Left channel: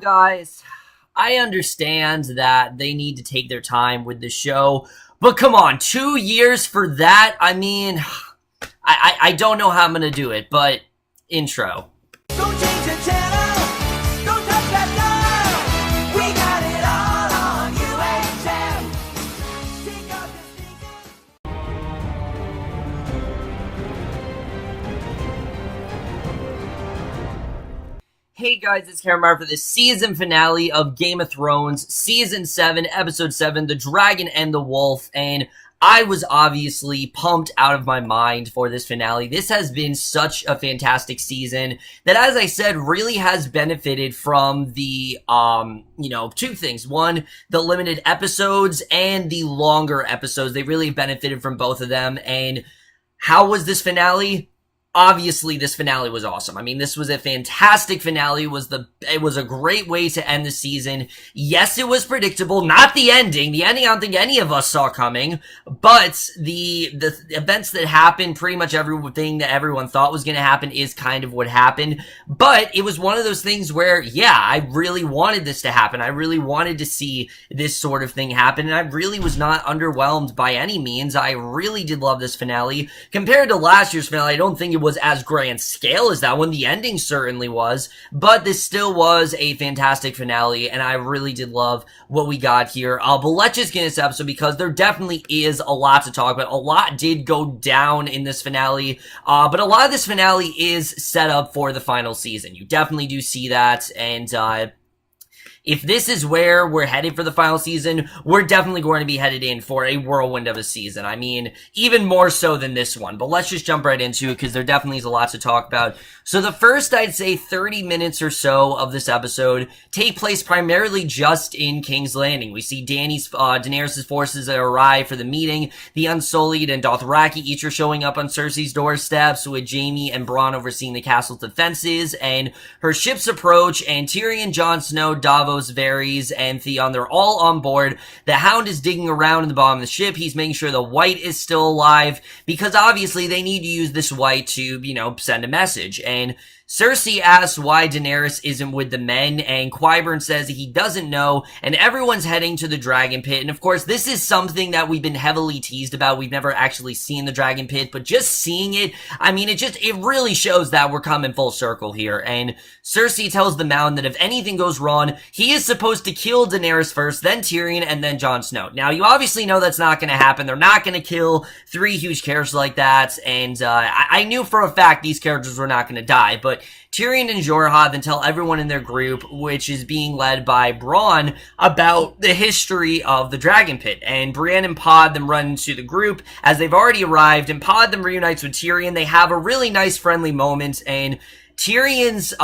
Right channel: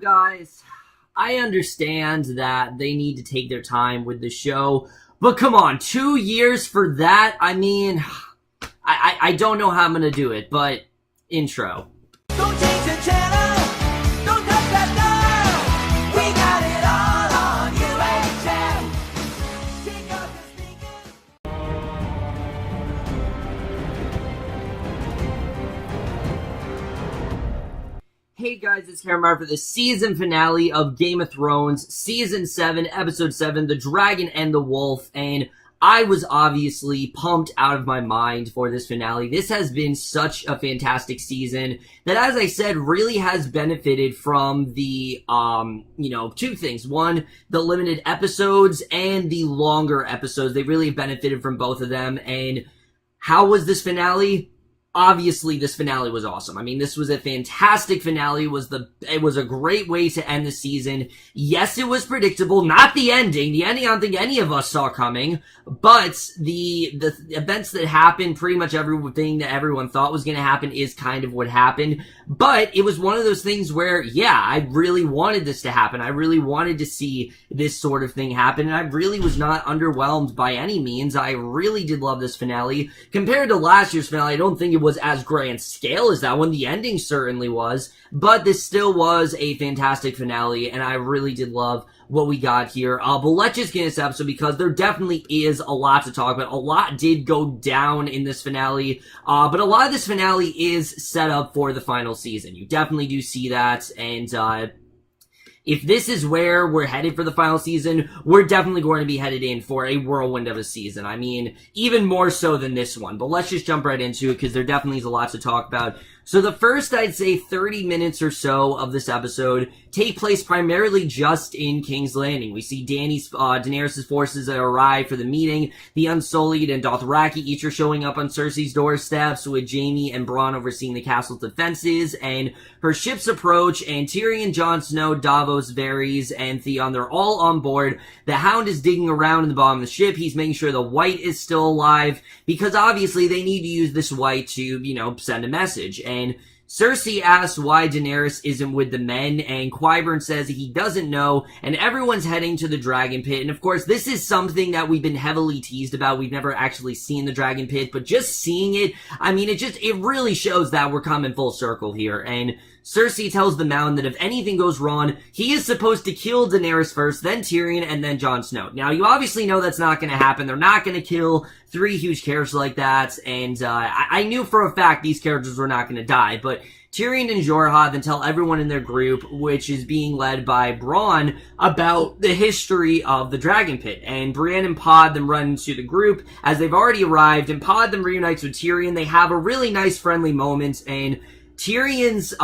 Guys, I understand that they need to take their time with the show, but come on, 2 years for that? I mean, I don't know how I'm gonna do it, but intro. Don't change the channel, don't touch that dial, we got it all on UHM. Take off your Hey guys, it's Cameron for the season finale of Game of Thrones, Season 7, Episode 7, The Dragon and the Wolf, and I was obviously pumped out of my mind for this finale. This has been such a fantastic season that, as I said, really has benefited from the, two things. One, the limited episodes and the longer episodes. They really benefited from both of them, and how was this finale? Obviously, this finale was awesome. I mean, this was a fantastic finale. It was a great way to end the season. Yes, it was predictable. Not the ending. The ending I don't think any of us saw coming. But the events that happened, pretty much everything that everyone thought was going to happen is kind of what happened. But it was one of those things where, yeah, I really wanted this to happen. I really wanted to see this sort of thing happen. And I really was not underwhelmed by any means. I really did love this finale. Compared to last year's finale, I don't think it was as grand scale as that one. The ending certainly was, but this still was a fantastic finale, and I really did love what we got here. But let's just get into this episode because there definitely is a lot to talk about. A lot did go down in this finale, but a lot of this finale is set up for the final season. You definitely do see that, and if this is where we're headed for the final season, we're definitely going to be headed in for a whirlwind of a season. I mean, even more so than this one. But let's just jump right into it because there definitely is a lot to talk about. So the first, I'd say, 30 minutes or so of this episode take place primarily just in King's Landing. We see Daenerys' forces that arrive for the meeting. The Unsullied and Dothraki each are showing up on Cersei's doorsteps, with Jaime and Bronn overseeing the castle's defenses, and her ships approach, and Tyrion, Jon Snow, Davos, Varys, and Theon, they're all on board. The Hound is digging around in the bottom of the ship. He's making sure the White is still alive, because obviously they need to use this White to, send a message. And Cersei asks why Daenerys isn't with the men, and Qyburn says he doesn't know, and everyone's heading to the Dragon Pit. And of course, this is something that we've been heavily teased about. We've never actually seen the Dragon Pit, but just seeing it, I mean, it really shows that we're coming full circle here. And Cersei tells the Mound that if anything goes wrong, he is supposed to kill Daenerys first, then Tyrion, and then Jon Snow. Now, you obviously know that's not going to happen. They're not going to kill three huge characters like that, and I knew for a fact these characters were not going to die, but Tyrion and Jorah then tell everyone in their group, which is being led by Bronn, about the history of the Dragon Pit. And Brienne and Pod then run into the group as they've already arrived, and Pod then reunites with Tyrion. They have a really nice friendly moment, and Tyrion's,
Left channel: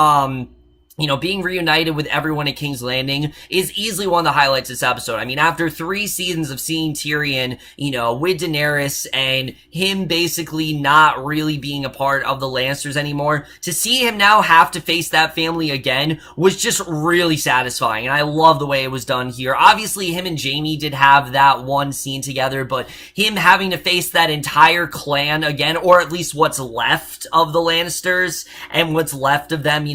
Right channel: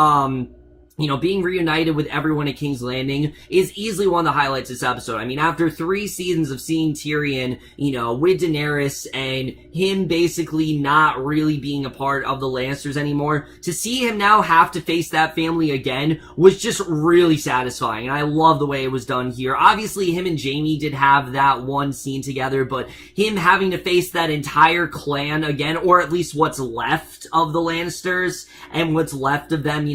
being reunited with everyone at King's Landing is easily one of the highlights of this episode. I mean, after 3 seasons of seeing Tyrion, with Daenerys and him basically not really being a part of the Lannisters anymore, to see him now have to face that family again was just really satisfying, and I love the way it was done here. Obviously, him and Jaime did have that one scene together, but him having to face that entire clan again, or at least what's left of the Lannisters and what's left of them,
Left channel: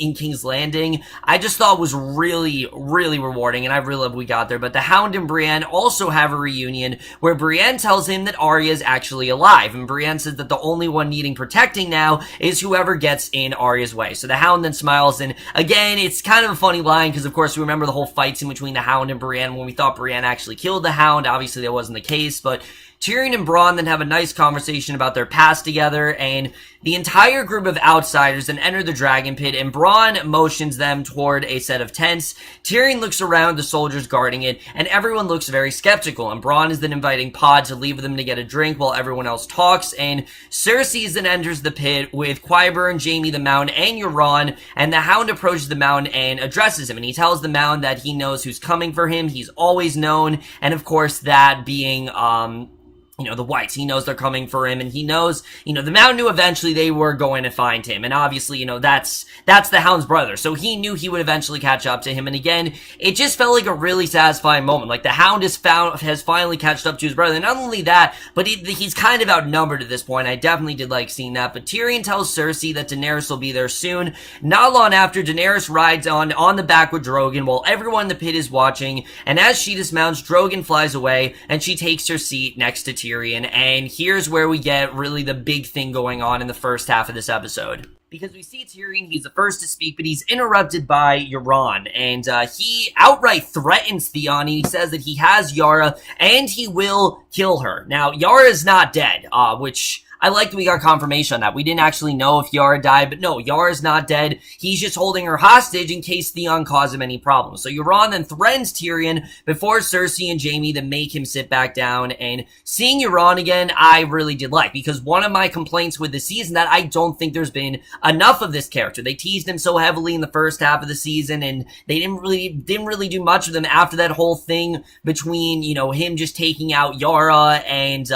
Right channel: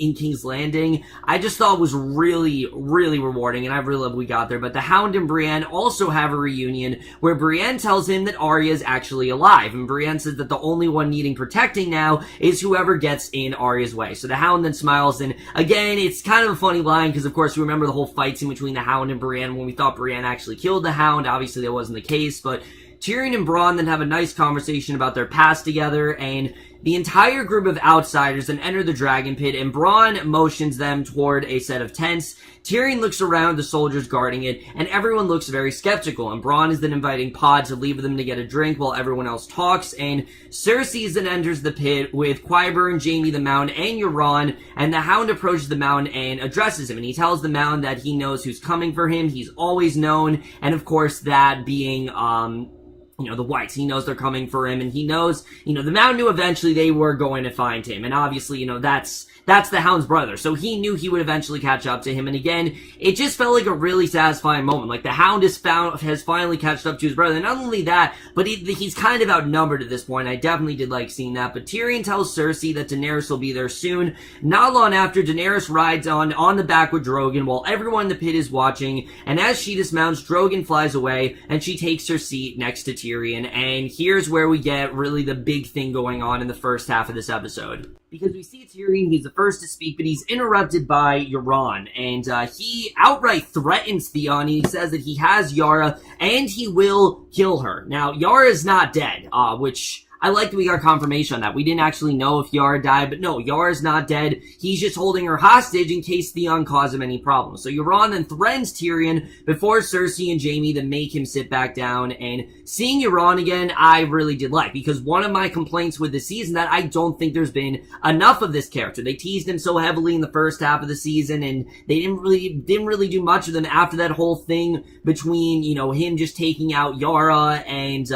in King's Landing, I just thought was really, really rewarding, and I really love we got there. But the Hound and Brienne also have a reunion where Brienne tells him that Arya is actually alive, and Brienne says that the only one needing protecting now is whoever gets in Arya's way. So the Hound then smiles, and again, it's kind of a funny line, because of course we remember the whole fights in between the Hound and Brienne when we thought Brienne actually killed the Hound. Obviously that wasn't the case, but Tyrion and Bronn then have a nice conversation about their past together, and the entire group of outsiders then enter the Dragon Pit, and Bronn motions them toward a set of tents. Tyrion looks around the soldiers guarding it, and everyone looks very skeptical, and Bronn is then inviting Pod to leave with them to get a drink while everyone else talks, and Cersei then enters the pit with Qyburn, Jaime the Mound, and Euron, and the Hound approaches the Mound and addresses him, and he tells the Mound that he knows who's coming for him. He's always known, and of course that being, the Whites. He knows they're coming for him, and he knows, the Mountain knew eventually they were going to find him, and obviously, that's the Hound's brother, so he knew he would eventually catch up to him, and again, it just felt like a really satisfying moment. Like, the Hound has finally catched up to his brother, and not only that, but he's kind of outnumbered at this point. I definitely did like seeing that, but Tyrion tells Cersei that Daenerys will be there soon. Not long after, Daenerys rides on the back with Drogon, while everyone in the pit is watching, and as she dismounts, Drogon flies away, and she takes her seat next to Tyrion. And here's where we get really the big thing going on in the first half of this episode. Because we see Tyrion, he's the first to speak, but he's interrupted by Euron, and he outright threatens Theon. He says that he has Yara, and he will kill her. Now, Yara is not dead, which I like that we got confirmation on that. We didn't actually know if Yara died, but no, Yara's not dead. He's just holding her hostage in case Theon caused him any problems. So Euron then threatens Tyrion before Cersei and Jaime to make him sit back down. And seeing Euron again, I really did like, because one of my complaints with the season that I don't think there's been enough of this character. They teased him so heavily in the first half of the season, and they didn't really do much of them after that whole thing between, him just taking out Yara and,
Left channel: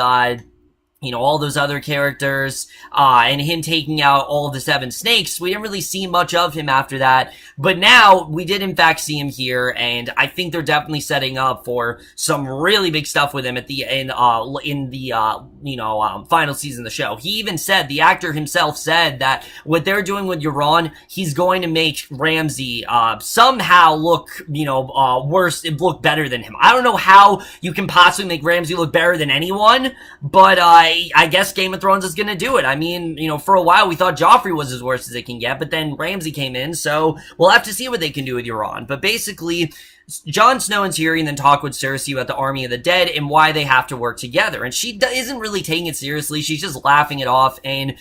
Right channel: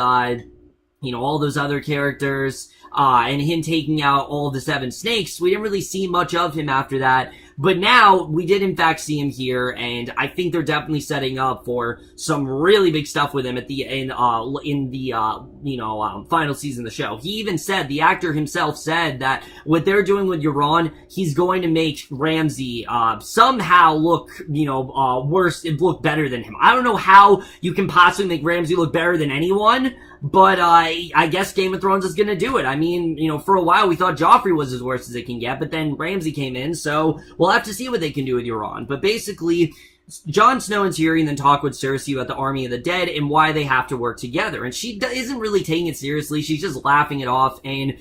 all those other characters, and him taking out all the 7 snakes. We didn't really see much of him after that, but now we did in fact see him here, and I think they're definitely setting up for some really big stuff with him at the final season of the show. He even said, the actor himself said, that what they're doing with Euron, he's going to make Ramsay somehow look, worse, look better than him. I don't know how you can possibly make Ramsay look better than anyone, but I guess Game of Thrones is gonna do it. I mean, for a while we thought Joffrey was as worst as it can get, but then Ramsay came in, so we'll have to see what they can do with Euron. But basically, Jon Snow and Tyrion then talk with Cersei about the Army of the Dead and why they have to work together. And she isn't really taking it seriously. She's just laughing it off. And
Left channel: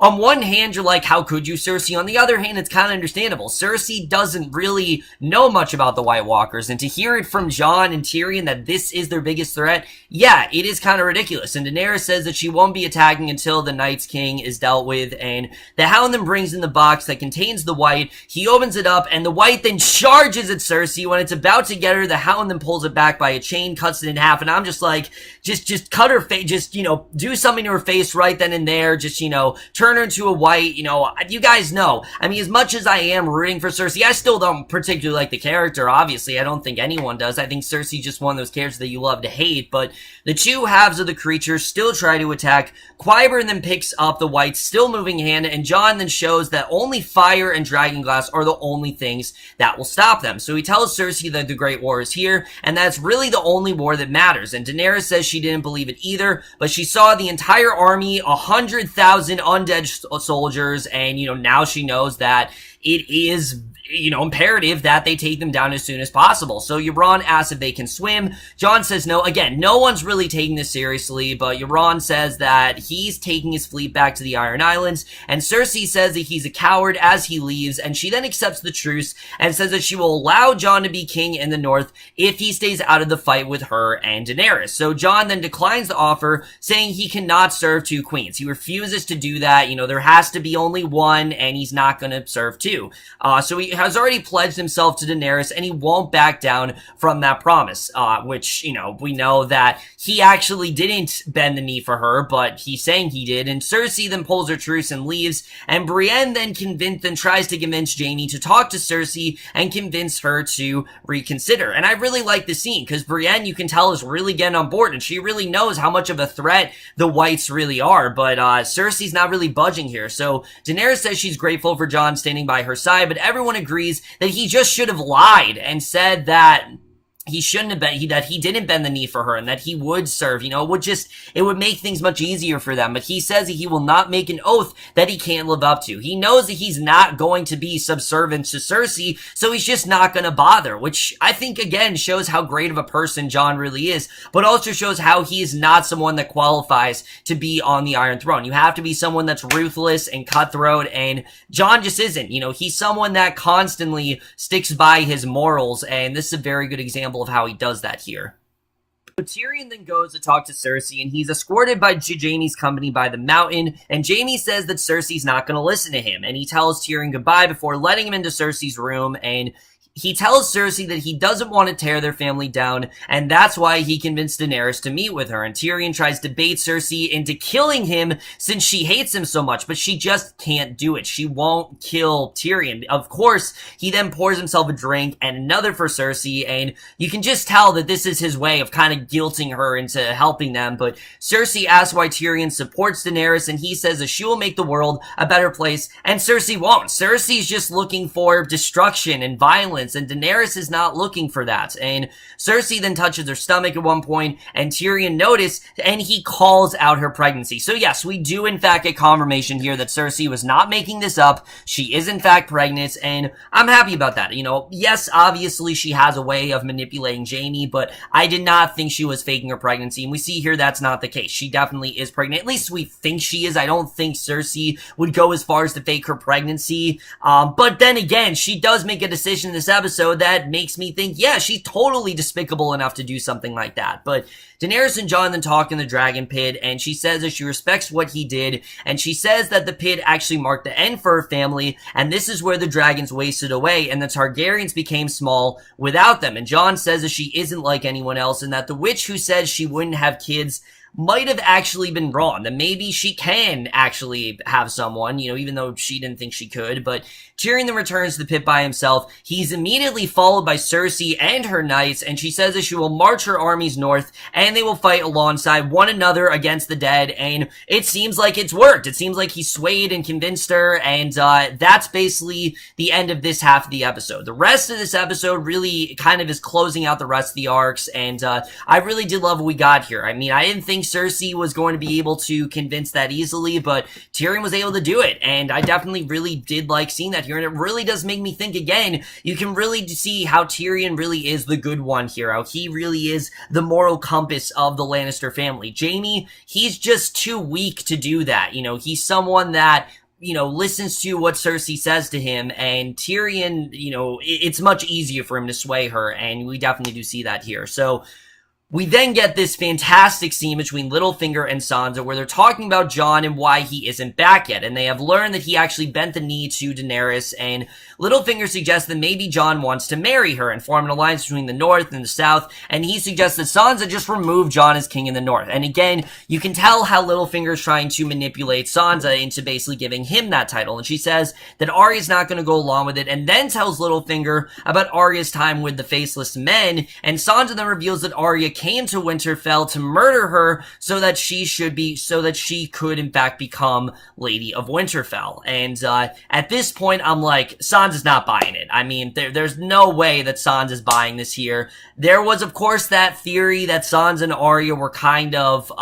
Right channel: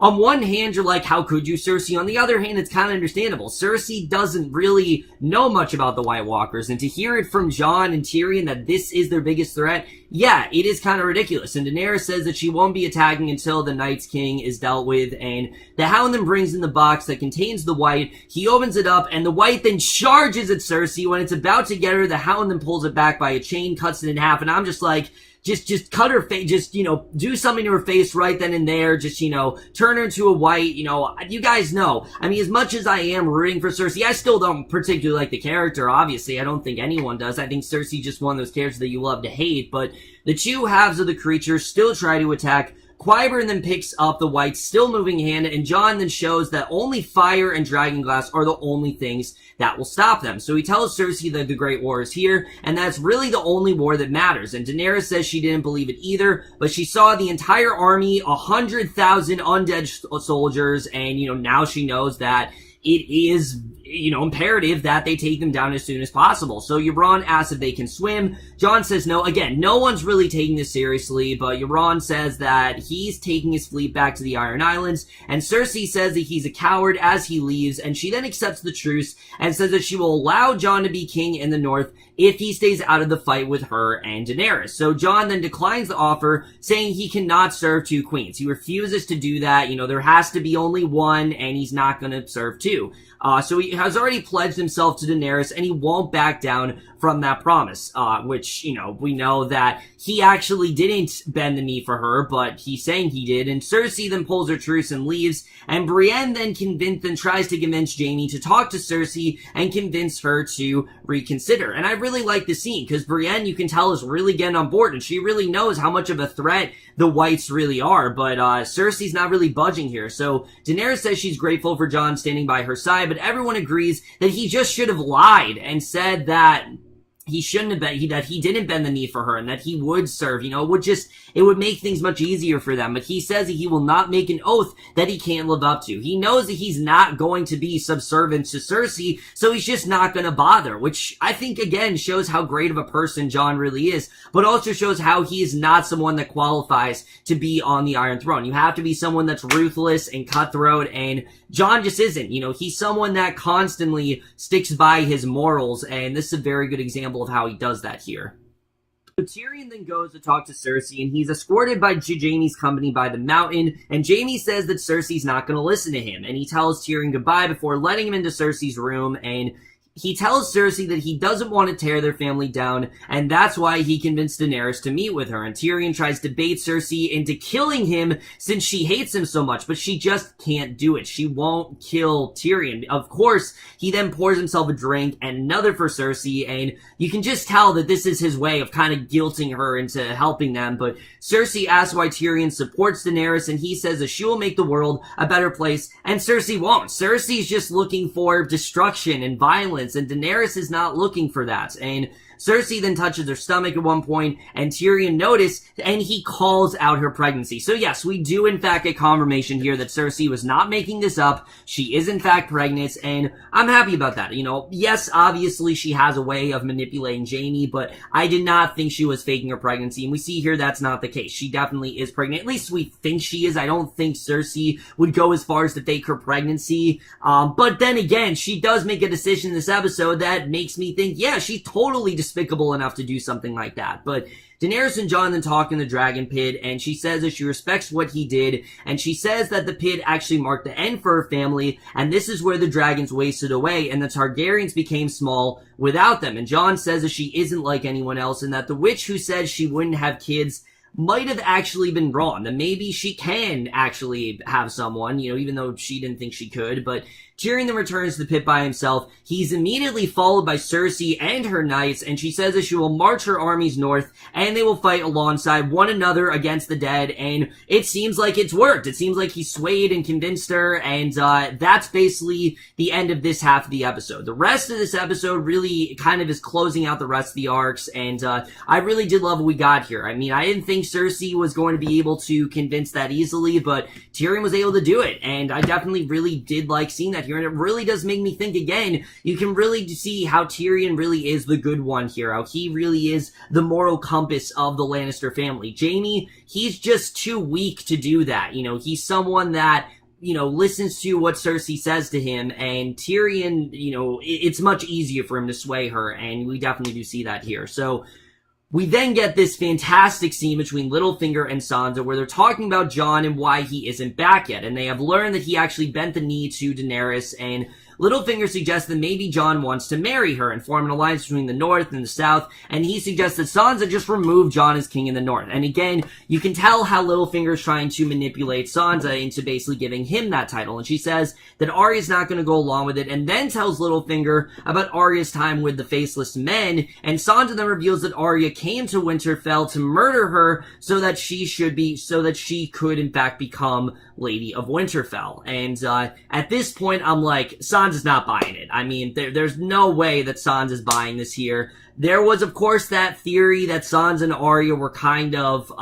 on one hand, you're like, how could you, Cersei? On the other hand, it's kind of understandable. Cersei doesn't really know much about the White Walkers, and to hear it from Jon and Tyrion that this is their biggest threat, yeah, it is kind of ridiculous. And Daenerys says that she won't be attacking until the Night's King is dealt with, and the Hound then brings in the box that contains the White. He opens it up, and the White then charges at Cersei. When it's about to get her, the Hound then pulls it back by a chain, cuts it in half, and I'm just like, just cut her face, just, do something to her face right then and there, just, turn her into a White, you guys know. I mean, as much as I am rooting for Cersei, I still don't particularly like the character, obviously. I don't think anyone does. I think Cersei's just one of those characters that you love to hate, but the two halves of the creature still try to attack. Qyburn then picks up the White's still moving hand, and Jon then shows that only fire and dragonglass are the only things that will stop them. So he tells Cersei that the Great War is here, and that's really the only war that matters. And Daenerys says she didn't believe it either, but she saw the entire army, 100,000 undead soldiers, and, now she knows that it is, imperative that they take them down as soon as possible. So Euron asks if they can swim. Jon says no. Again, no one's really taking this seriously, but Euron says that he's taking his fleet back to the Iron Islands, and Cersei says that he's a coward as he leaves, and she then accepts the truce and says that she will allow Jon to be king in the north if he stays out of the fight with her and Daenerys. So Jon then declines the offer, saying he cannot serve 2 queens. He refuses to do that. There has to be only one, and he's not going to serve 2. So he has already pledged himself to Daenerys, and he won't back down from that promise, which, we know that he actually didn't bend the knee for her, but he's saying he did. And Cersei then pulls her truce and leaves, and Brienne then tries to convince Jaime to talk to Cersei and convince her to reconsider. And I really like the scene, because Brienne, you can tell, is really getting on board, and she really knows how much of a threat the Whites really are, but Cersei's not really budging here. So Daenerys says she's grateful for Jon standing by her side, but everyone agrees that he just should have lied and said that he shouldn't have been, that he didn't bend the knee for her, and that he would serve, it would make things much easier for them. But he says that he will not make an oath that he can't live up to. He knows that he's not going to be subservient to Cersei, so he's just not going to bother, which I think, again, shows how great of a person Jon really is, but also shows how he is not someone that qualifies to be on the Iron Throne. You have to be someone that's ruthless and cutthroat, and Jon just isn't. He's someone that constantly sticks by his morals, and this is a very good example of how he does that here. So Tyrion then goes to talk to Cersei, and he's escorted by Jaime's company by the mountain, and Jaime says that Cersei's not going to listen to him, and he tells Tyrion goodbye before letting him into Cersei's room, and he tells Cersei that he doesn't want to tear their family down, and that's why he convinced Daenerys to meet with her. And Tyrion tries to bait Cersei into killing him since she hates him so much, but she just can't do it. She won't kill Tyrion. Of course, he then pours himself a drink and another for Cersei, and you can just tell that this is his way of kind of guilting her into helping them. But Cersei asks why Tyrion supports Daenerys, and he says that she will make the world a better place, and Cersei won't. Cersei's just looking for destruction and violence, and Daenerys is not looking for that. And Cersei then touches her stomach at one point, and Tyrion noticed, and he calls out her pregnancy. So yes, we do in fact get confirmation here that Cersei was not making this up. She is in fact pregnant, and I'm happy about that. You know, yes, obviously she has a way of manipulating Jaime, but I did not think she was faking her pregnancy, and we see here that's not the case. She definitely is pregnant. At least we think she is. I don't think Cersei would go as far as to fake her pregnancy. But then again, she does make a decision in this episode that makes me think, yeah, she's totally despicable enough to do something like that. But Daenerys and Jon then talk in the dragon pit, and she says that she respects what he did, and she says that the pit actually marked the end for her family, and this is where the dragons wasted away, and the Targaryens became small without them. And Jon says that she isn't like anyone else, and that the witch who says she wouldn't have kids might have actually been wrong, that maybe she can actually have someone, you know, even though she didn't think she could. But Tyrion then returns to the pit by himself. He's immediately followed by Cersei and her knights, and she says that she will march her armies north, and they will fight alongside one another against the dead, and it seems like it's worked. It seems like he swayed and convinced her, and that's basically the end of this half of the episode. The rest of this episode really kind of is closing out the rest of the arcs, and I really did love what we got here. I mean, I didn't think Cersei was going to be able to convince that easily, but Tyrion was able to do it, and I definitely really did like seeing that here, and it really does make me think again. You can really see how Tyrion really is the good one here, how he really is the moral compass of the Lannister family. Jaime, he's just too weak to do that. You know, he's someone that, you know, listens to what Cersei says to him, and Tyrion, you know, it's much easier for him to sway her, and we definitely do see that here. So we then get this fantastic scene between Littlefinger and Sansa where they're talking about Jon and why he isn't back yet, and they have learned that he actually bent the knee to Daenerys, and Littlefinger suggests that maybe Jon wants to marry her and form an alliance between the North and the South, and he suggests that Sansa just remove Jon as king in the North. And again, you can tell how Littlefinger is trying to manipulate Sansa into basically giving him that title, and she says that Arya's not going to go along with it, and then tells Littlefinger about Arya's time with the Faceless Men, and Sansa then reveals that Arya came to Winterfell to murder her so that she could in fact become Lady of Winterfell. And at this point, I'm like, Sansa's not buying it. I mean, there's no way that Sansa's buying this here. There was, of course, that theory that Sansa and Arya were kind of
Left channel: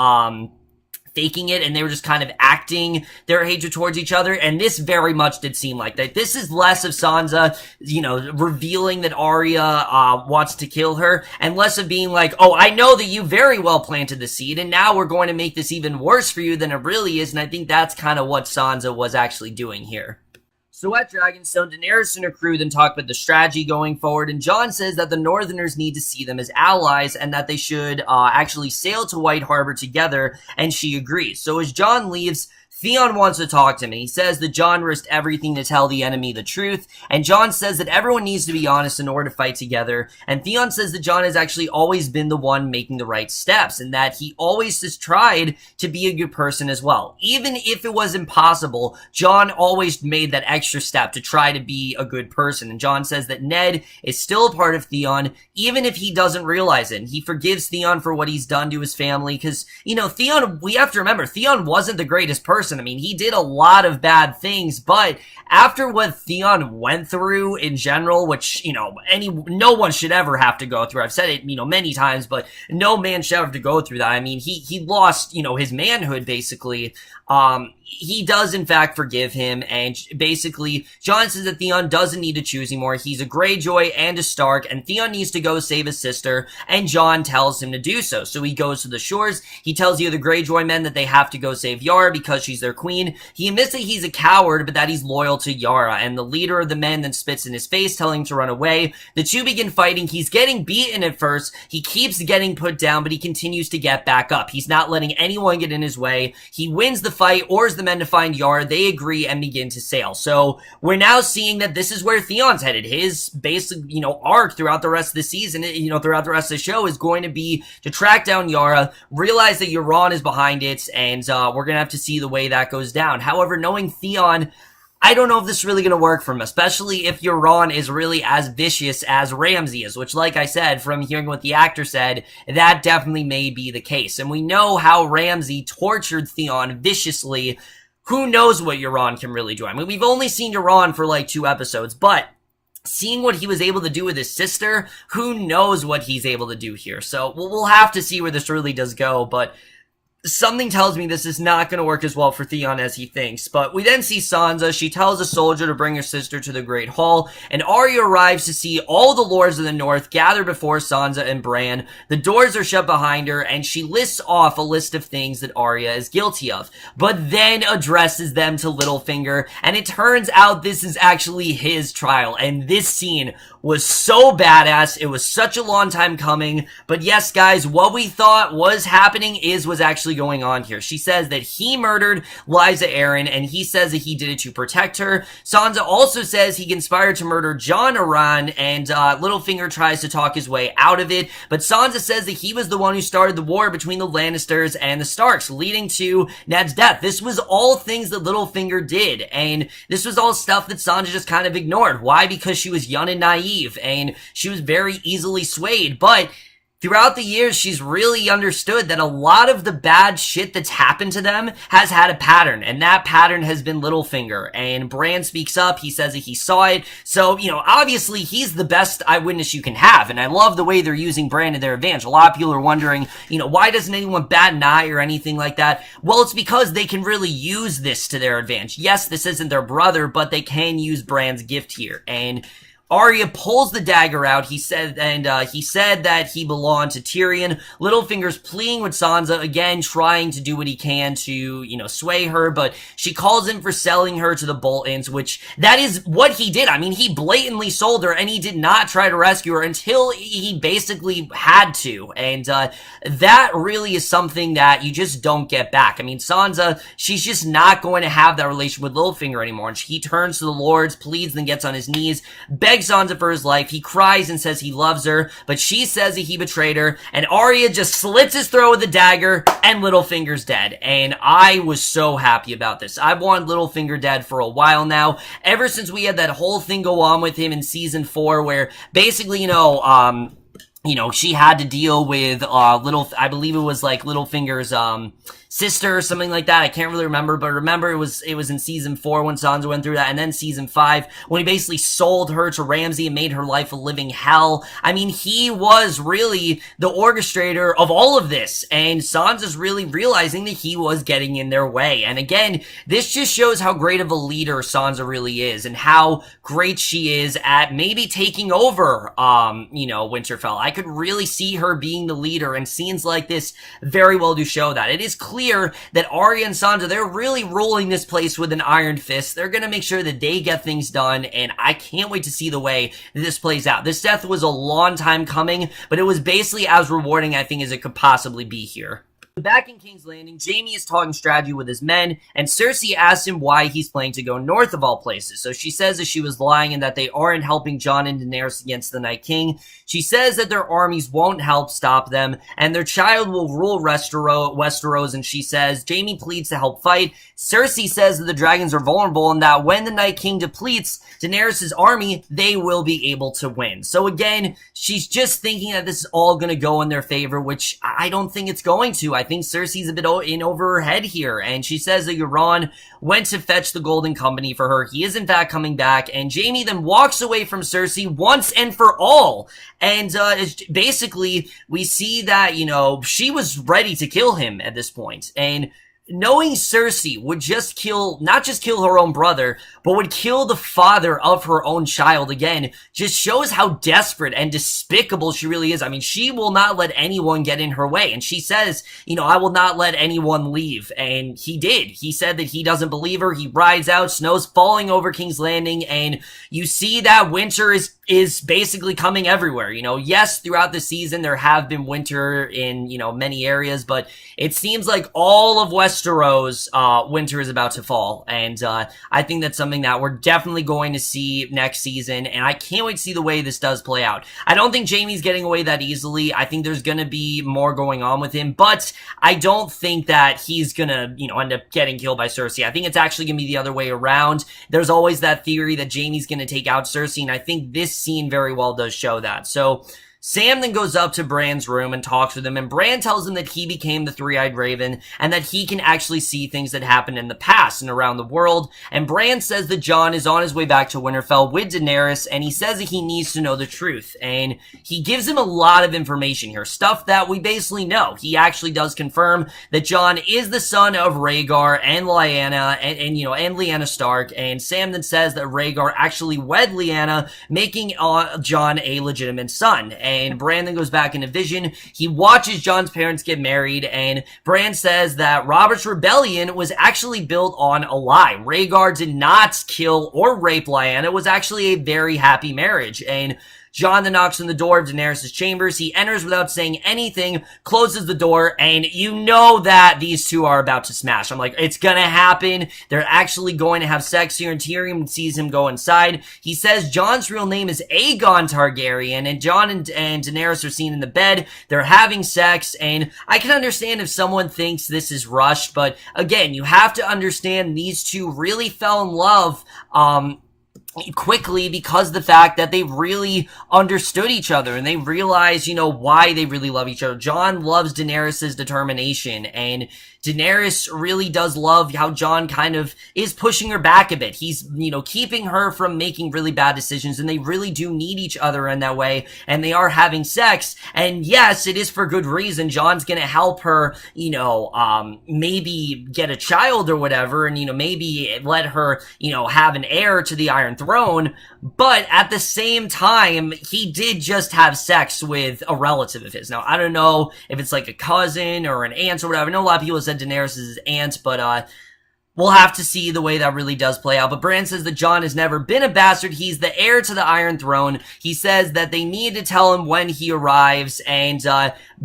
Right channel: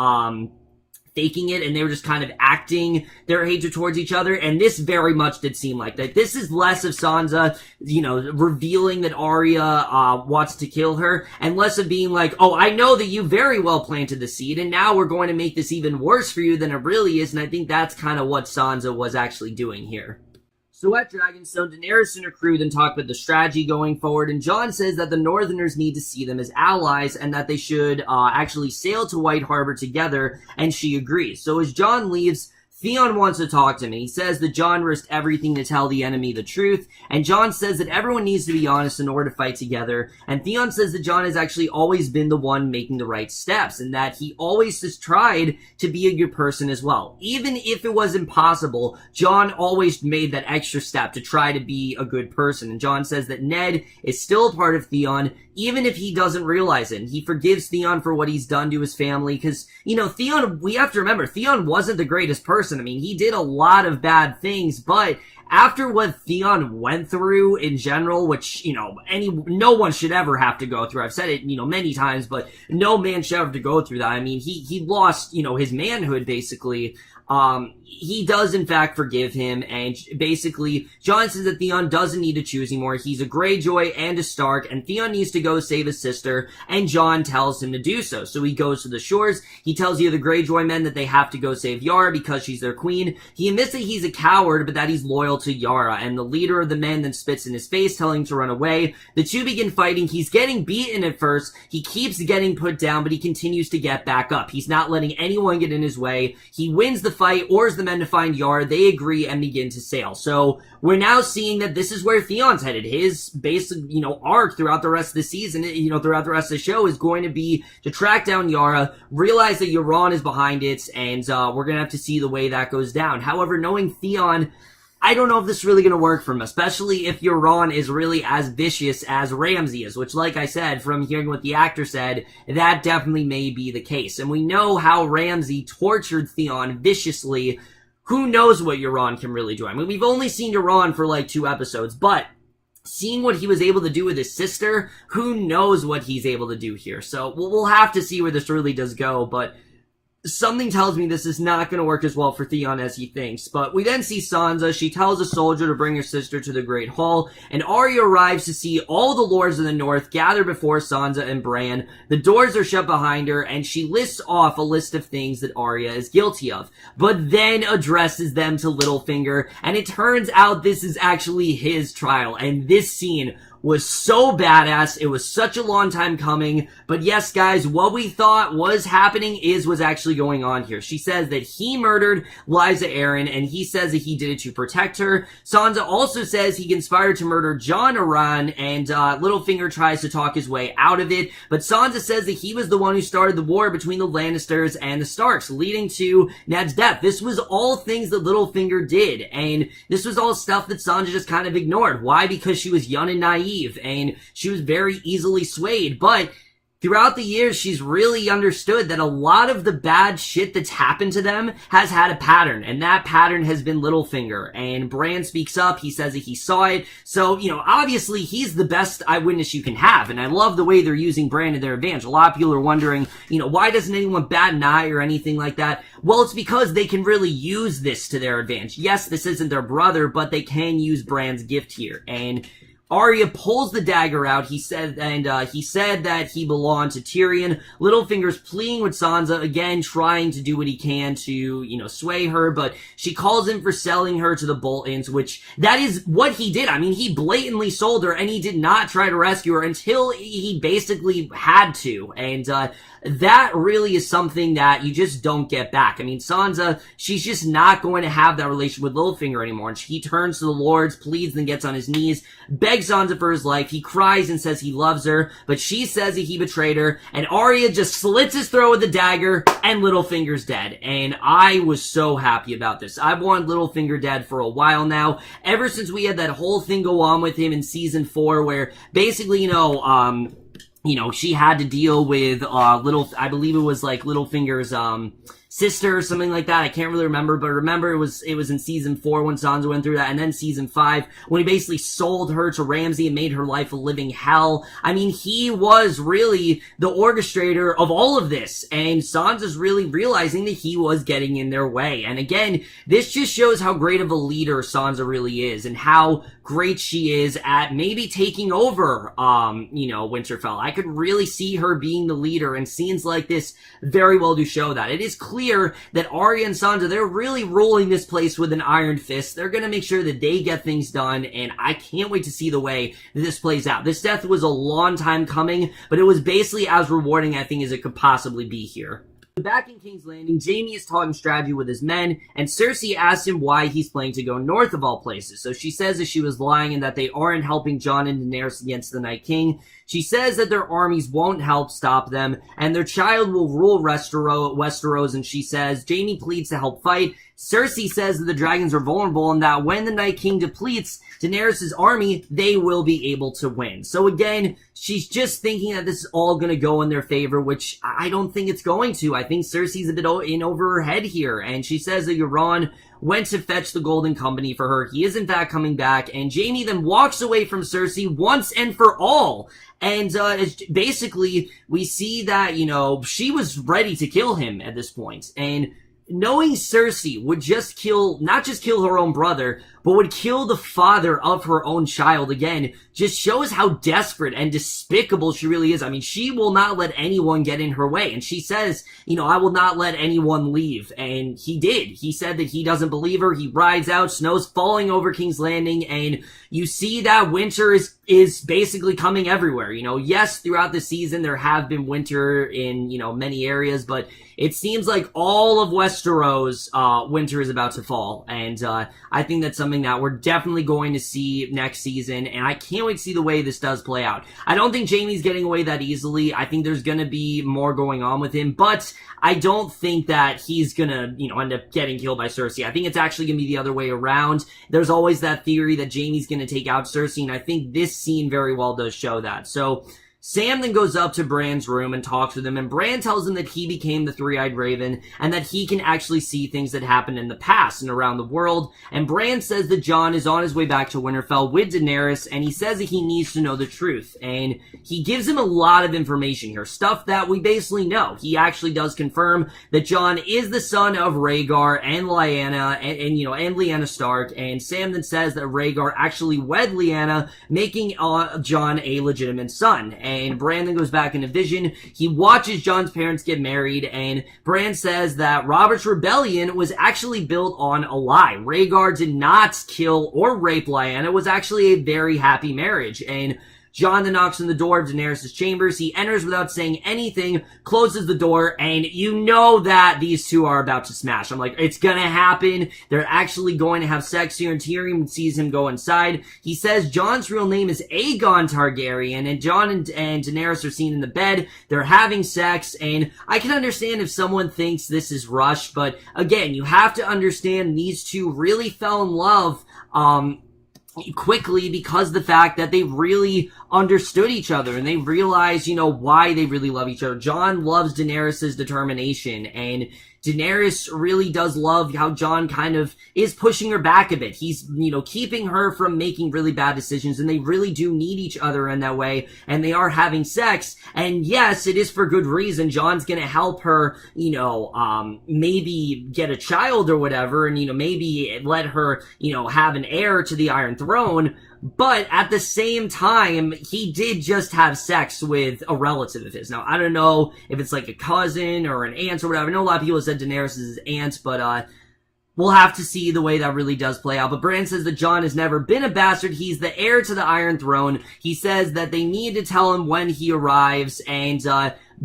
faking it, and they were just kind of acting their hatred towards each other, and this very much did seem like that. This is less of Sansa, you know, revealing that Arya wants to kill her, and less of being like, oh, I know that you very well planted the seed, and now we're going to make this even worse for you than it really is, and I think that's kind of what Sansa was actually doing here. So at Dragonstone, Daenerys and her crew then talk about the strategy going forward, and Jon says that the Northerners need to see them as allies and that they should actually sail to White Harbor together, and she agrees. So as Jon leaves, Theon wants to talk to him. He says that Jon risked everything to tell the enemy the truth, and Jon says that everyone needs to be honest in order to fight together, and Theon says that Jon has actually always been the one making the right steps, and that he always has tried to be a good person as well. Even if it was impossible, Jon always made that extra step to try to be a good person, and Jon says that Ned is still a part of Theon, even if he doesn't realize it. And he forgives Theon for what he's done to his family, because, you know, Theon, we have to remember, Theon wasn't the greatest person. I mean, he did a lot of bad things, but after what Theon went through in general, which, you know, no one should ever have to go through. I've said it, you know, many times, but no man should have to go through that. I mean, he lost, you know, his manhood, basically. He does in fact forgive him, and basically Jon says that Theon doesn't need to choose anymore. He's a Greyjoy and a Stark, and Theon needs to go save his sister, and Jon tells him to do so. So he goes to the shores. He tells the other Greyjoy men that they have to go save Yara because she's their queen. He admits that he's a coward, but that he's loyal to Yara, and the leader of the men then spits in his face, telling him to run away. The two begin fighting. He's getting beaten at first. He keeps getting put down, but he continues to get back up. He's not letting anyone get in his way. He wins the fight, orders the men to find Yara. They agree and begin to sail. So we're now seeing that this is where Theon's headed. His basic, arc throughout the rest of the season, throughout the rest of the show is going to be to track down Yara, realize that Euron is behind it, and we're going to have to see the way that goes down. However, knowing Theon, I don't know if this is really going to work for him, especially if Euron is really as vicious as Ramsay is, which, like I said, from hearing what the actor said, that definitely may be the case. And we know how Ramsay tortured Theon viciously. Who knows what Euron can really do? I mean, we've only seen Euron for like 2 episodes, but seeing what he was able to do with his sister, who knows what he's able to do here. So we'll have to see where this really does go, but something tells me this is not going to work as well for Theon as he thinks. But we then see Sansa. She tells a soldier to bring her sister to the Great Hall, and Arya arrives to see all the lords of the North gather before Sansa and Bran. The doors are shut behind her, and she lists off a list of things that Arya is guilty of, but then addresses them to Littlefinger, and it turns out this is actually his trial, and this scene was so badass. It was such a long time coming. But yes, guys, what we thought was happening was actually going on here. She says that he murdered Lysa Arryn, and he says that he did it to protect her. Sansa also says he conspired to murder Jon Arryn, and Littlefinger tries to talk his way out of it. But Sansa says that he was the one who started the war between the Lannisters and the Starks, leading to Ned's death. This was all things that Littlefinger did, and this was all stuff that Sansa just kind of ignored. Why? Because she was young and naive, and she was very easily swayed. But throughout the years, she's really understood that a lot of the bad shit that's happened to them has had a pattern, and that pattern has been Littlefinger. And Bran speaks up. He says that he saw it. So, obviously he's the best eyewitness you can have, and I love the way they're using Bran to their advantage. A lot of people are wondering, why doesn't anyone bat an eye or anything like that? Well, it's because they can really use this to their advantage. Yes, this isn't their brother, but they can use Bran's gift here. And Arya pulls the dagger out. He said that he belonged to Tyrion. Littlefinger's pleading with Sansa, again, trying to do what he can to, sway her, but she calls him for selling her to the Boltons, which that is what he did. I mean, he blatantly sold her, and he did not try to rescue her until he basically had to. And that really is something that you just don't get back. I mean, Sansa, she's just not going to have that relation with Littlefinger anymore. And he turns to the lords, pleads, then gets on his knees, begs Sansa for his life. He cries and says he loves her, but she says that he betrayed her, and Arya just slits his throat with a dagger, and Littlefinger's dead. And I was so happy about this. I've wanted Littlefinger dead for a while now, ever since we had that whole thing go on with him in season 4, where basically, she had to deal with I believe it was like Littlefinger's sister or something like that. I can't really remember, but remember it was in season 4 when Sansa went through that, and then season 5 when he basically sold her to Ramsay and made her life a living hell. I mean, he was really the orchestrator of all of this, and Sansa's really realizing that he was getting in their way. And again, this just shows how great of a leader Sansa really is, and how great she is at maybe taking over, Winterfell. I could really see her being the leader, and scenes like this very well do show that. It is clear that Arya and Sansa, they're really ruling this place with an iron fist. They're going to make sure that they get things done, and I can't wait to see the way that this plays out. This death was a long time coming, but it was basically as rewarding, I think, as it could possibly be here. Back in King's Landing, Jaime is talking strategy with his men, and Cersei asks him why he's planning to go north of all places. So she says that she was lying and that they aren't helping Jon and Daenerys against the Night King. She says that their armies won't help stop them, and their child will rule Westeros, and she says Jaime pleads to help fight. Cersei says that the dragons are vulnerable and that when the Night King depletes Daenerys' army, they will be able to win. So again, she's just thinking that this is all going to go in their favor, which I don't think it's going to. I think Cersei's a bit in over her head here, and she says that Euron went to fetch the Golden Company for her. He is in fact coming back, and Jaime then walks away from Cersei once and for all. And basically, we see that, she was ready to kill him at this point. And knowing Cersei would just not just kill her own brother, but would kill the father of her own child again, just shows how desperate and despicable she really is. I mean, she will not let anyone get in her way. And she says, I will not let anyone leave. And he did. He said that he doesn't believe her. He rides out, snow's falling over King's Landing, and you see that winter is basically coming everywhere. Yes, throughout the season, there have been winter in, many areas, but it seems like all of Westeros, winter is about to fall. And, I think that's something that we're definitely going to see next season, and I can't wait to see the way this does play out. I don't think Jaime's getting away that easily. I think there's gonna be more going on with him, but I don't think that he's gonna, end up getting killed by Cersei. I think it's actually gonna be the other way around. There's always that theory that Jaime's gonna take out Cersei, and I think this scene very well does show that. So Sam then goes up to Bran's room and talks with him, and Bran tells him that he became the Three-Eyed Raven and that he can actually see things that happened in the past and around the world. And Bran says that Jon is on his way back to Winterfell with Daenerys, and he says that he needs to know the truth. And he gives him a lot of information here, stuff that we basically know. He actually does confirm that Jon is the son of Rhaegar and Lyanna and Lyanna Stark, and Sam then says that Rhaegar actually wed Lyanna, making Jon a legitimate son. And Bran then goes back into Vision. He watches Jon's parents get married, and Bran says that Robert's rebellion was actually built on a lie. Rhaegar did not kill or rape Lyanna. It was actually a very happy marriage. And Jon then knocks on the door of Daenerys' chambers. He enters without saying anything, closes the door, and you know that these two are about to smash. I'm like, it's gonna happen. They're actually going to have sex here, and Tyrion sees him go inside. He says Jon's real name is Aegon Targaryen, and Jon and Daenerys are seen in the bed. They're having sex, and I can understand if someone thinks this is rushed, but again, you have to understand these two really fell in love, quickly because of the fact that they really understood each other and they realized, why they really love each other. Jon loves Daenerys' determination, and Daenerys really does love how Jon kind of is pushing her back a bit. He's, keeping her from making really bad decisions, and they really do need each other in that way, and they are having sex, and yes, it is for good reason. Jon's gonna help her, maybe get a child or whatever, and, maybe let her, have an heir to the Iron Throne, but at the same time, he did just have sex with a relative of his. Now, I don't know if it's like a cousin or an aunt or whatever. I know a lot of people said Daenerys is his aunt, but we'll have to see the way that really does play out. But Bran says that Jon has never been a bastard. He's the heir to the Iron Throne. He says that they need to tell him when he arrives, and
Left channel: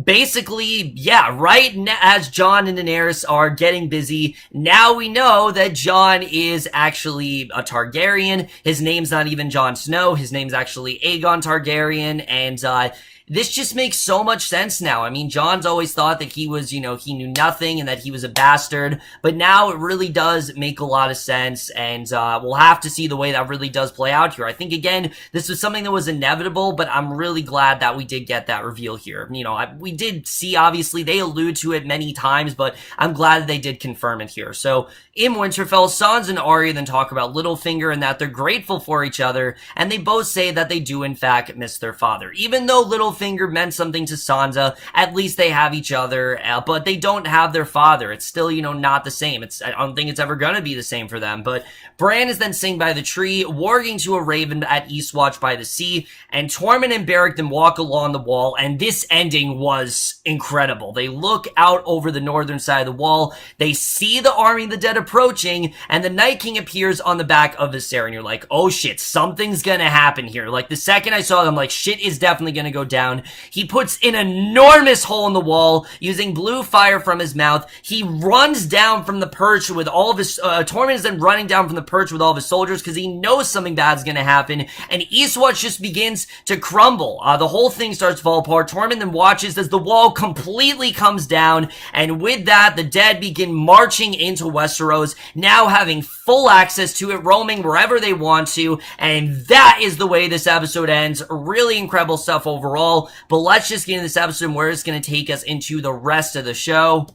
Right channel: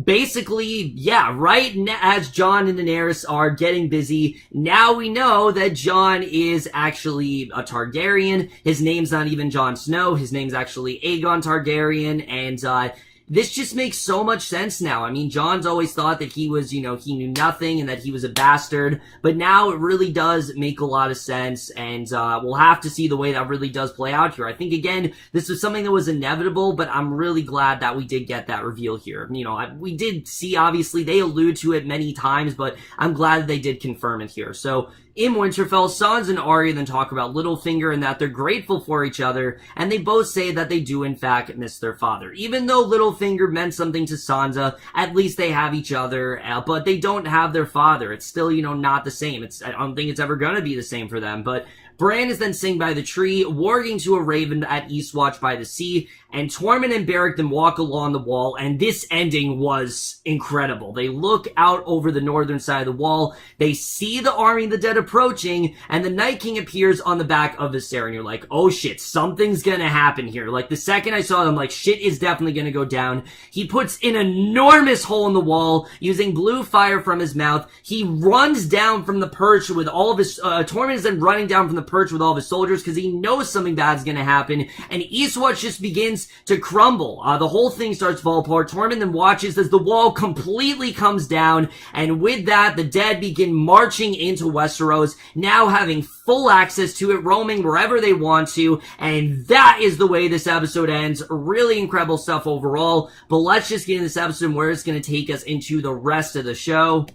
basically, yeah, right as Jon and Daenerys are getting busy, now we know that Jon is actually a Targaryen. His name's not even Jon Snow. His name's actually Aegon Targaryen, and this just makes so much sense now. I mean, Jon's always thought that he was, he knew nothing and that he was a bastard, but now it really does make a lot of sense, and we'll have to see the way that really does play out here. I think, again, this was something that was inevitable, but I'm really glad that we did get that reveal here. We did see, obviously, they allude to it many times, but I'm glad that they did confirm it here. So, in Winterfell, Sansa and Arya then talk about Littlefinger and that they're grateful for each other, and they both say that they do in fact miss their father. Even though Littlefinger meant something to Sansa, at least they have each other, but they don't have their father. It's still, not the same. I don't think it's ever gonna be the same for them, but Bran is then sitting by the tree, warging to a raven at Eastwatch by the sea, and Tormund and Beric then walk along the wall, and this ending was incredible. They look out over the northern side of the wall, they see the army of the dead approaching, and the Night King appears on the back of the stair, and you're like, oh shit, something's gonna happen here. Like, the second I saw them, like, shit is definitely gonna go down. He puts an enormous hole in the wall, using blue fire from his mouth. He runs down from the perch with all of his, Tormund is then running down from the perch with all of his soldiers because he knows something bad is going to happen, and Eastwatch just begins to crumble. The whole thing starts to fall apart. Tormund then watches as the wall completely comes down, and with that, the dead begin marching into Westeros, now having full access to it, roaming wherever they want to, and that is the way this episode ends. Really incredible stuff overall, but let's just get into this episode and where it's going to take us into the rest of the show.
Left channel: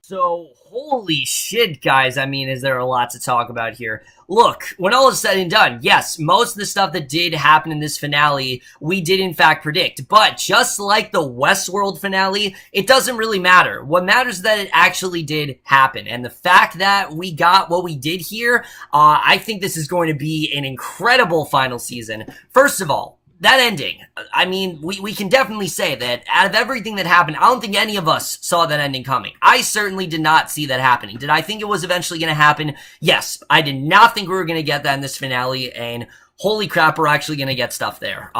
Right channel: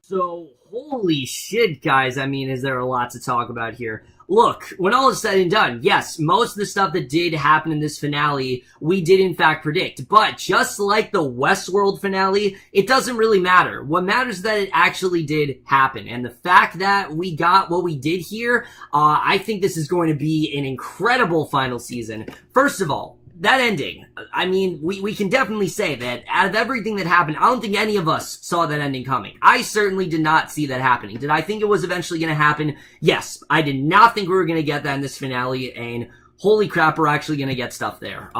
So, holy shit, guys. I mean, is there a lot to talk about here? look, when all is said and done, yes, most of the stuff that did happen in this finale, we did in fact predict. But just like the Westworld finale, it doesn't really matter. What matters is that it actually did happen. And the fact that we got what we did here, I think this is going to be an incredible final season. First of all, that ending, I mean, we can definitely say that out of everything that happened, I don't think any of us saw that ending coming. I certainly did not see that happening. Did I think it was eventually going to happen? Yes. I did not think we were going to get that in this finale, and holy crap, we're actually going to get stuff there.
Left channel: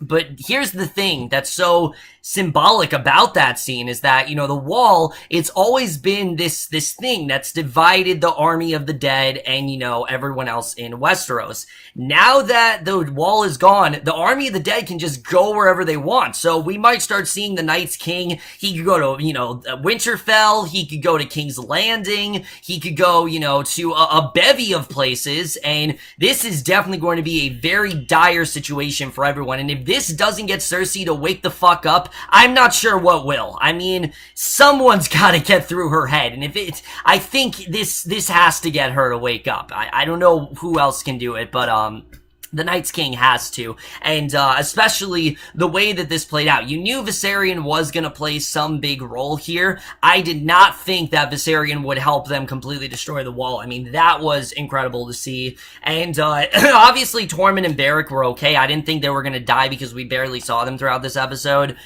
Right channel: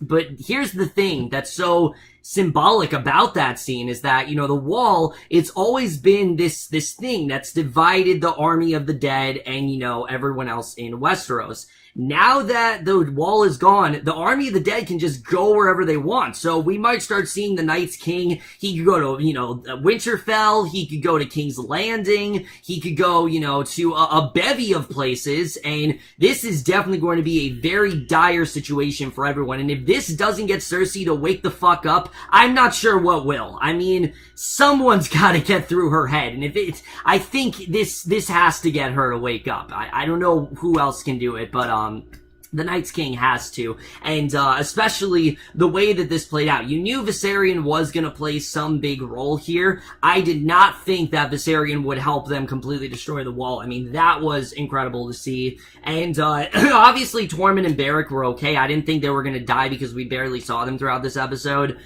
But here's the thing that's so symbolic about that scene is that, you know, the wall, it's always been this thing that's divided the army of the dead and, you know, everyone else in Westeros. Now that the wall is gone, the army of the dead can just go wherever they want. So we might start seeing the Night's King. He could go to, you know, Winterfell. He could go to King's Landing. He could go, you know, to a bevy of places. And this is definitely going to be a very dire situation for everyone. And if this doesn't get Cersei to wake the fuck up, I'm not sure what will. I mean, someone's got to get through her head. And if it's, I think this has to get her to wake up. I don't know who else can do it, but, the Night's King has to, and especially the way that this played out. You knew Viserion was going to play some big role here. I did not think that Viserion would help them completely destroy the wall. I mean, that was incredible to see. And obviously, Tormund and Beric were okay. I didn't think they were going to die because we barely saw them throughout this episode.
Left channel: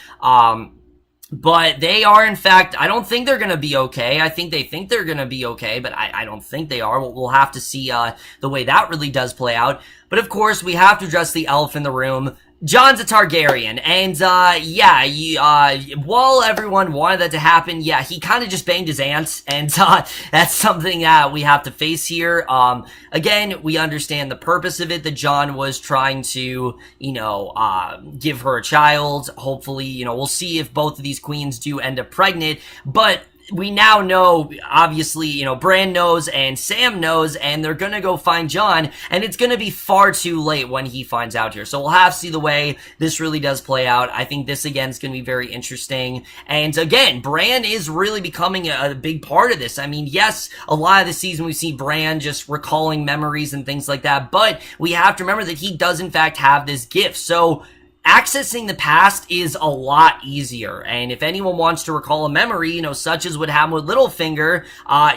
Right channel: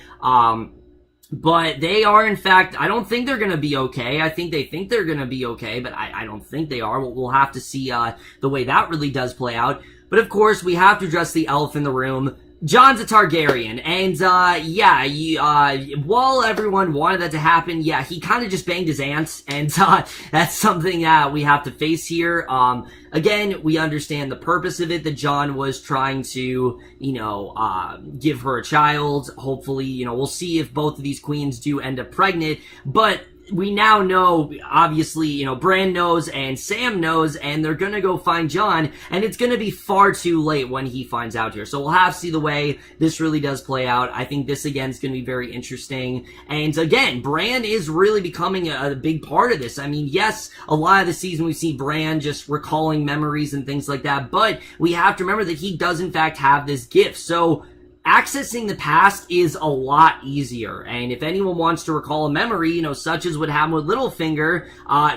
But they are, in fact, I don't think they're going to be okay. I think they think they're going to be okay, but I don't think they are. We'll have to see the way that really does play out. But of course, we have to address the elephant in the room. Jon's a Targaryen, and, while everyone wanted that to happen, yeah, he kind of just banged his aunt, and, that's something that we have to face here. Again, we understand the purpose of it, that Jon was trying to, you know, give her a child. Hopefully, you know, we'll see if both of these queens do end up pregnant, but we now know, obviously, you know, Bran knows and Sam knows, and they're gonna go find Jon, and it's gonna be far too late when he finds out here. So we'll have to see the way this really does play out. I think this, again, is gonna be very interesting. And again, Bran is really becoming a big part of this. I mean, yes, a lot of the season we see Bran just recalling memories and things like that, but we have to remember that he does, in fact, have this gift. So accessing the past is a lot easier, and if anyone wants to recall a memory, you know, such as what happened with Littlefinger,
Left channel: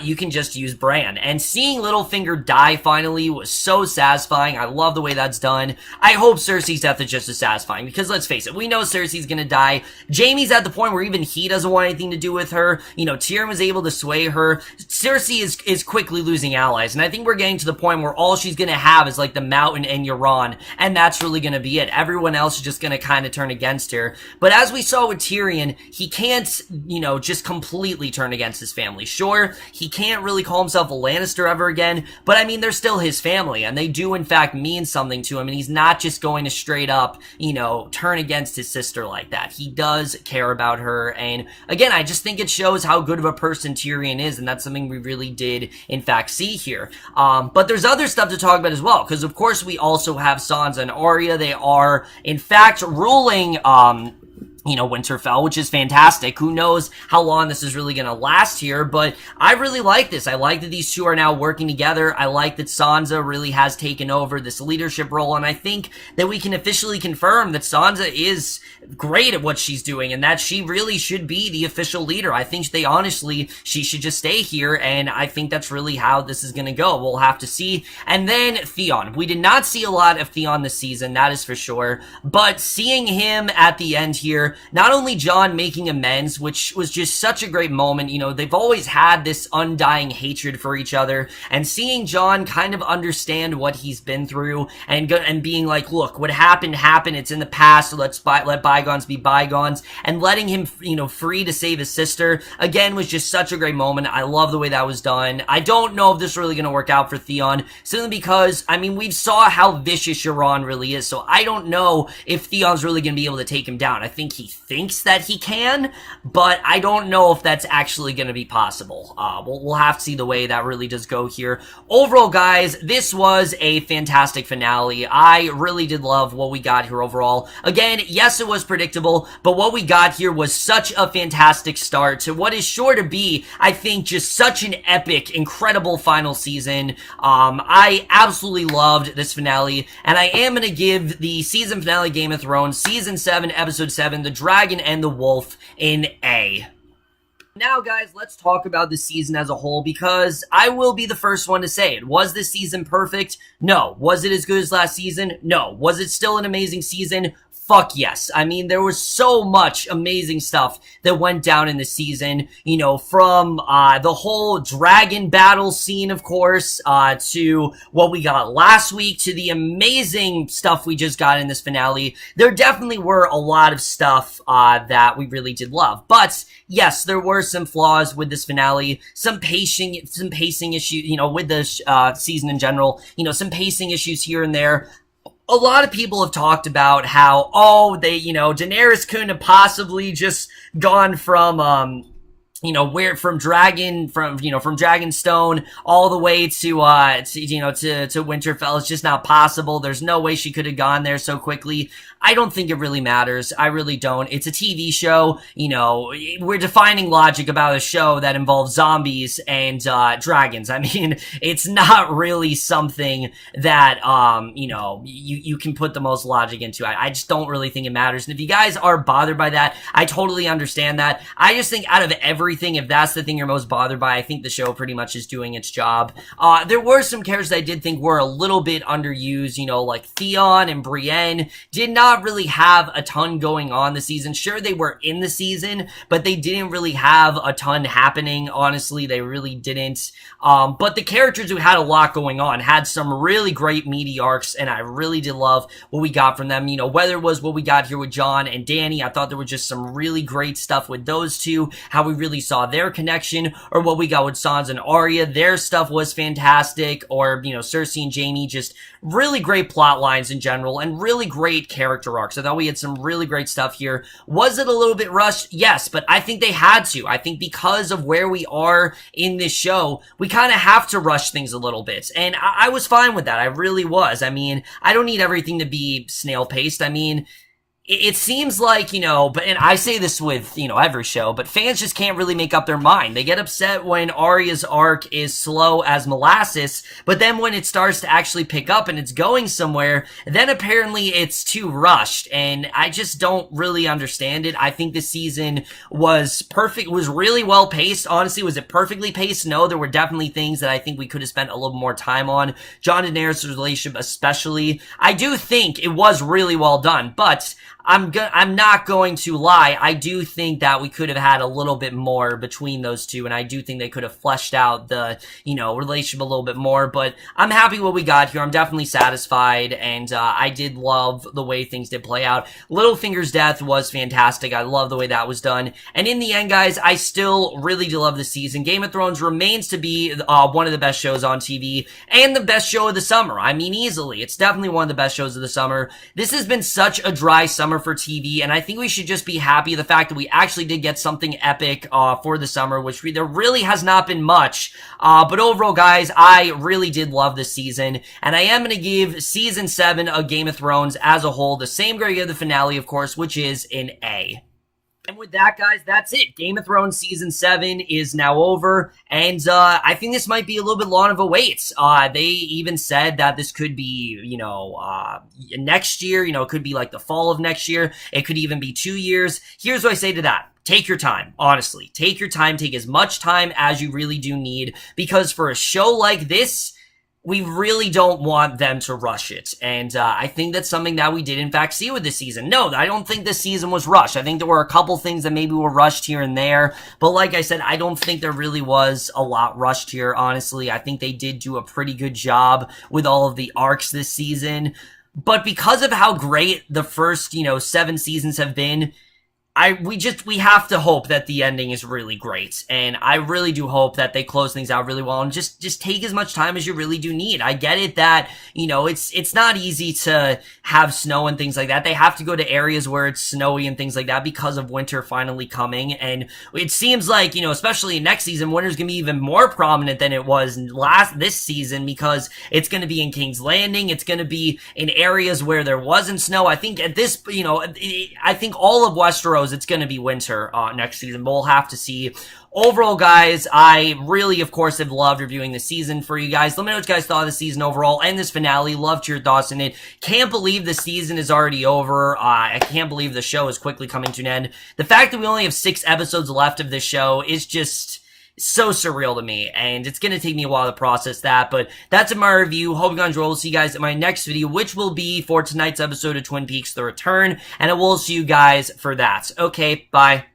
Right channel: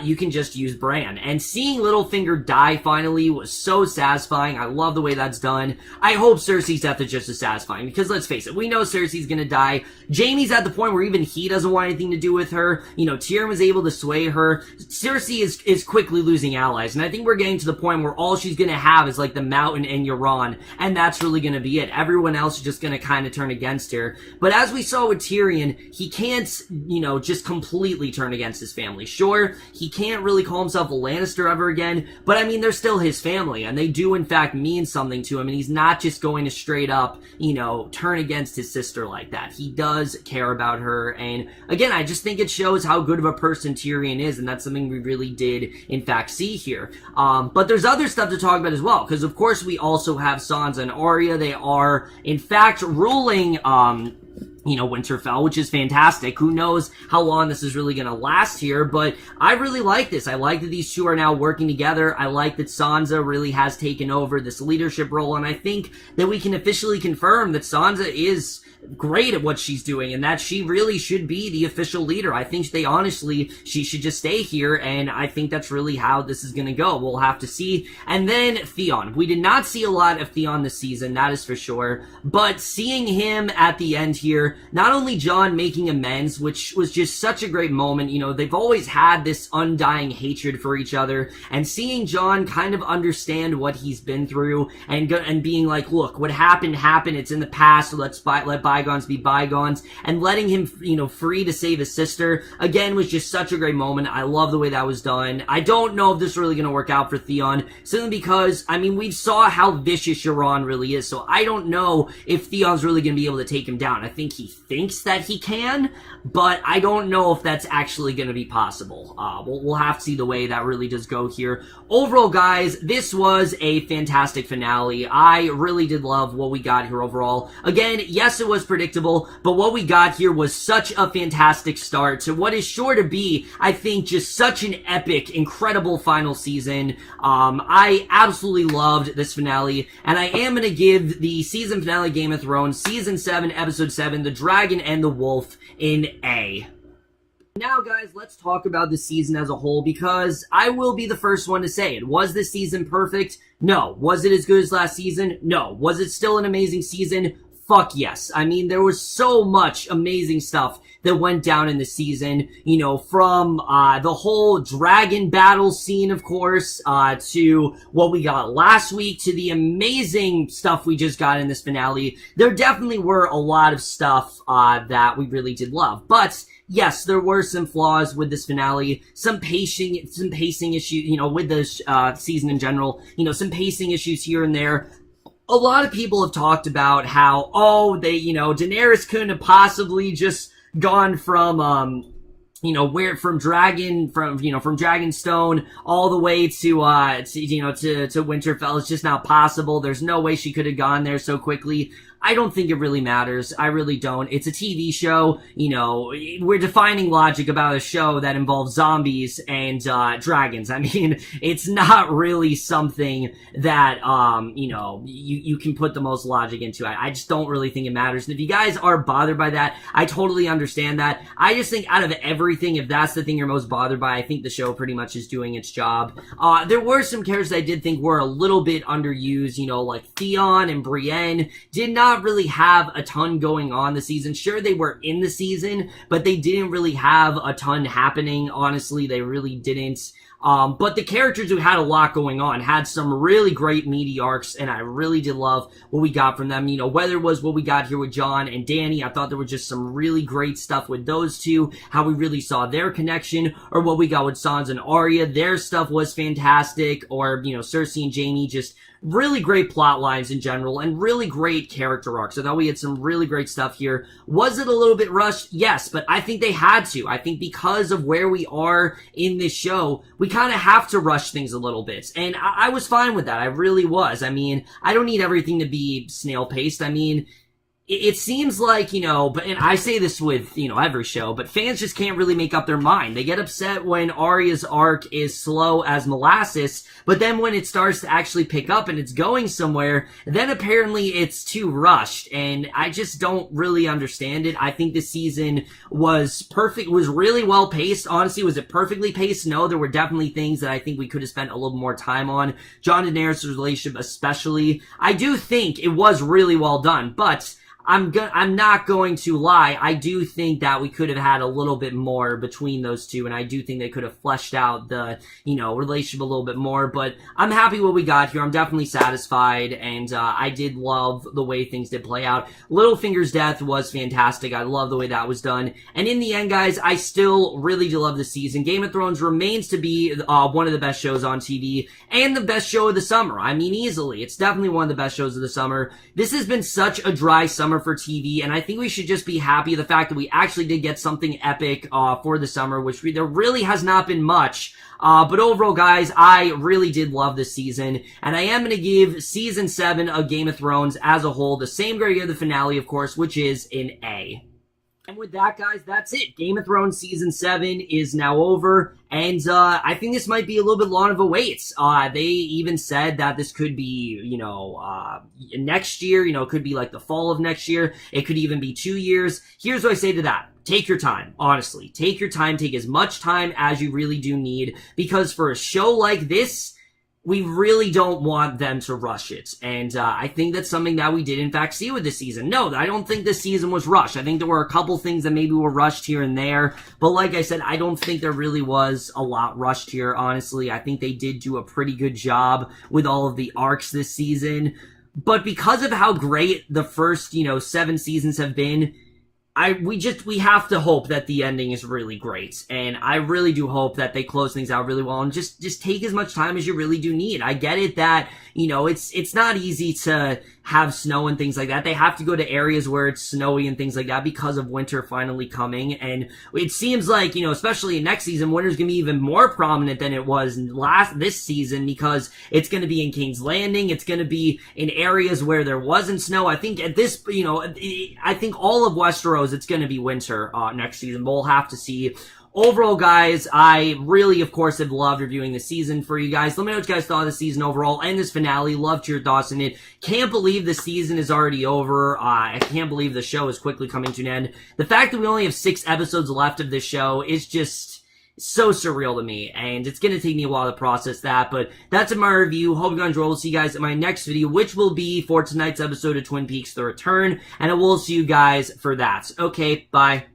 you can just use Bran. And seeing Littlefinger die finally was so satisfying. I love the way that's done. I hope Cersei's death is just as satisfying, because let's face it, we know Cersei's gonna die. Jaime's at the point where even he doesn't want anything to do with her. You know, Tyrion was able to sway her. Cersei is quickly losing allies, and I think we're getting to the point where all she's gonna have is like the Mountain and Euron, and that's really gonna be it. Everyone else is just going to kind of turn against her. But as we saw with Tyrion, he can't, you know, just completely turn against his family. Sure, he can't really call himself a Lannister ever again, but I mean, they're still his family, and they do in fact mean something to him, and he's not just going to straight up, you know, turn against his sister like that. He does care about her, and again, I just think it shows how good of a person Tyrion is, and that's something we really did in fact see here. But there's other stuff to talk about as well, because of course we also have Sansa and Arya. They are in fact ruling, you know, Winterfell, which is fantastic. Who knows how long this is really going to last here, but I really like this. I like that these two are now working together. I like that Sansa really has taken over this leadership role, and I think that we can officially confirm that Sansa is great at what she's doing, and that she really should be the official leader. I think she should just stay here, and I think that's really how this is going to go. We'll have to see. And then Theon. We did not see a lot of Theon this season, that is for sure, but seeing him at the end here, not only Jon making amends, which was just such a great moment. You know, they've always had this undying hatred for each other, and seeing Jon kind of understand what he's been through, and being like, look, what happened, it's in the past, so let bygones be bygones, and letting him, you know, free to save his sister, again, was just such a great moment. I love the way that was done. I don't know if this is really going to work out for Theon, simply because, I mean, we saw how vicious Euron really is, so I don't know if Theon's really going to be able to take him down. I think he thinks that he can, but I don't know if that's actually going to be possible. We'll have to see the way that really does go here. Overall, guys, this was a fantastic finale. I really did love what we got here overall. Again, yes, it was predictable, but what we got here was such a fantastic start to what is sure to be, I think, just such an epic, incredible final season. I absolutely loved this finale, and I am going to give the season finale Game of Thrones, Season 7, Episode 7, The Dragon and the Wolf, an A. Now, guys, let's talk about the season as a whole, because I will be the first one to say it. Was this season perfect? No. Was it as good as last season? No. Was it still an amazing season? Fuck yes. I mean, there was so much amazing stuff that went down in the season, you know, from the whole dragon battle scene, of course, to what we got last week, to the amazing stuff we just got in this finale. There definitely were a lot of stuff that we really did love. But yes, there were some flaws with this finale, some pacing issues, you know, with this season in general, you know, some pacing issues here and there. A lot of people have talked about how, Daenerys couldn't have possibly just gone from, from Dragonstone all the way to Winterfell. It's just not possible. There's no way she could have gone there so quickly. I don't think it really matters. I really don't. It's a TV show. You know, we're defining logic about a show that involves zombies and dragons. I mean, it's not really something that, you can put the most logic into. I just don't really think it matters. And if you guys are bothered by that, I totally understand that. I just think out of everything, if that's the thing you're most bothered by, I think the show pretty much is doing its job. There were some characters I did think were a little bit underused, you know, like Theon and Brienne did not really have a ton going on this season. Sure, they were in the season, but they didn't really have a ton happening. Honestly, they really didn't. But the characters who had a lot going on had some really great meaty arcs, and I really did love what we got from them. You know, whether it was what we got here with Jon and Dany, I thought there was just some really great stuff with those two, how we really saw their connection, or what we got with Sansa and Arya. Their stuff was fantastic, or, you know, Cersei and Jaime, just really great plot lines in general, and really great character arcs. I thought we had some really great stuff here. Was it a little bit rushed? Yes, but I think they had to. I think because of where we are in this show, we kind of have to rush things a little bit. And I was fine with that. I really was. I mean, I don't need everything to be snail-paced. I mean, it seems like, and I say this with, every show, but fans just can't really make up their mind. They get upset when Arya's arc is slow as molasses, but then when it starts to actually pick up and it's going somewhere, then apparently it's too rushed, and I just don't really understand it. I think this season was perfect, was really well paced. Honestly, was it perfectly paced? No, there were definitely things that I think we could have spent a little more time on. Jon and Daenerys' relationship especially. I do think it was really well done, but I'm not going to lie. I do think that we could have had a little bit more between those two, and I do think they could have fleshed out the, relationship a little bit more, but I'm happy what we got here. I'm definitely satisfied, and I did love the way things did play out. Littlefinger's death was fantastic. I love the way that was done, and in the end, guys, I still really do love the season. Game of Thrones remains to be one of the best shows on TV, and the best show of the summer. I mean, easily. It's definitely one of the best shows of the summer. This has been such a dry summer for TV, and I think we should just be happy the fact that we actually did get something epic for the summer, which there really has not been much. But overall, guys, I really did love this season, and I am going to give Season 7 of Game of Thrones as a whole the same grade of the finale, of course, which is an A. And with that, guys, that's it. Game of Thrones Season 7 is now over, and I think this might be a little bit long of a wait. They even said that this could be, next year, it could be like the fall of next year. It could even be 2 years. Here's what I say to that. Take your time, honestly. Take your time. Take as much time as you really do need, because for a show like this, we really don't want them to rush it. And I think that's something that we did in fact see with this season. No, I don't think this season was rushed. I think there were a couple things that maybe were rushed here and there. But like I said, I don't think there really was a lot rushed here, honestly. I think they did do a pretty good job with all of the arcs this season. But because of how great the first, 7 seasons have been, we have to hope that the ending is really great, and I really do hope that they close things out really well and just take as much time as you really do need. I get it that, you know, it's not easy to have snow and things like that. They have to go to areas where it's snowy and things like that because of winter finally coming, and it seems like, you know, especially next season, winter's gonna be even more prominent than it was this season, because it's gonna be in King's Landing, it's gonna be in areas where there wasn't snow. I think at this, you know, I think all of Westeros, it's going to be winter next season, but we'll have to see. Overall, guys, I really, of course, have loved reviewing the season for you guys. Let me know what you guys thought of the season overall and this finale. Loved your thoughts in it. Can't believe the season is already over. I can't believe the show is quickly coming to an end. The fact that we only have 6 episodes left of this show is just so surreal to me, and it's going to take me a while to process that, but that's my review. Hope you guys enjoyed. We'll see you guys in my next video, which will be for tonight's episode of Twin Peaks: The Return, and I will see you guys for that. Okay, bye.